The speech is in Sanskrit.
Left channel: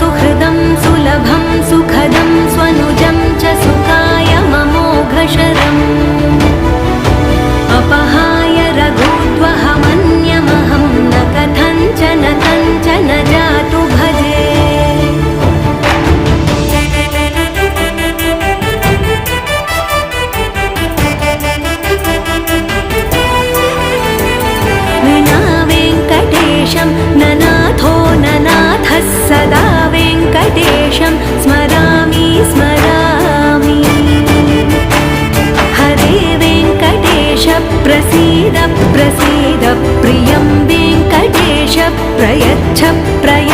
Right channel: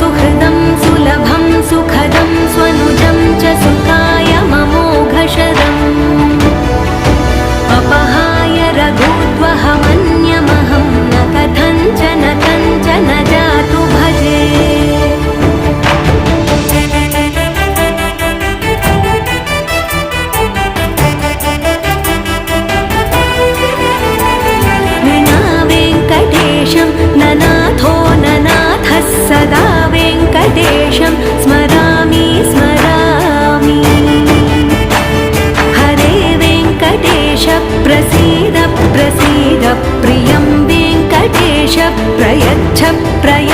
सुहृदं सुलभं सुखदं स्वनुजं च सुखाय ममोघशरम् अपहाय रघुद्वहमन्यमहं न कथञ्चन कञ्चन जातु भजे। विना वेङ्कटेशं ननाथो ननाथः सदा वेङ्कटेशं स्मरामि स्मरामि। हरे वेङ्कटेश प्रसीद प्रसीद प्रियं वेङ्कटेश प्रयच्छ प्रयच्छ।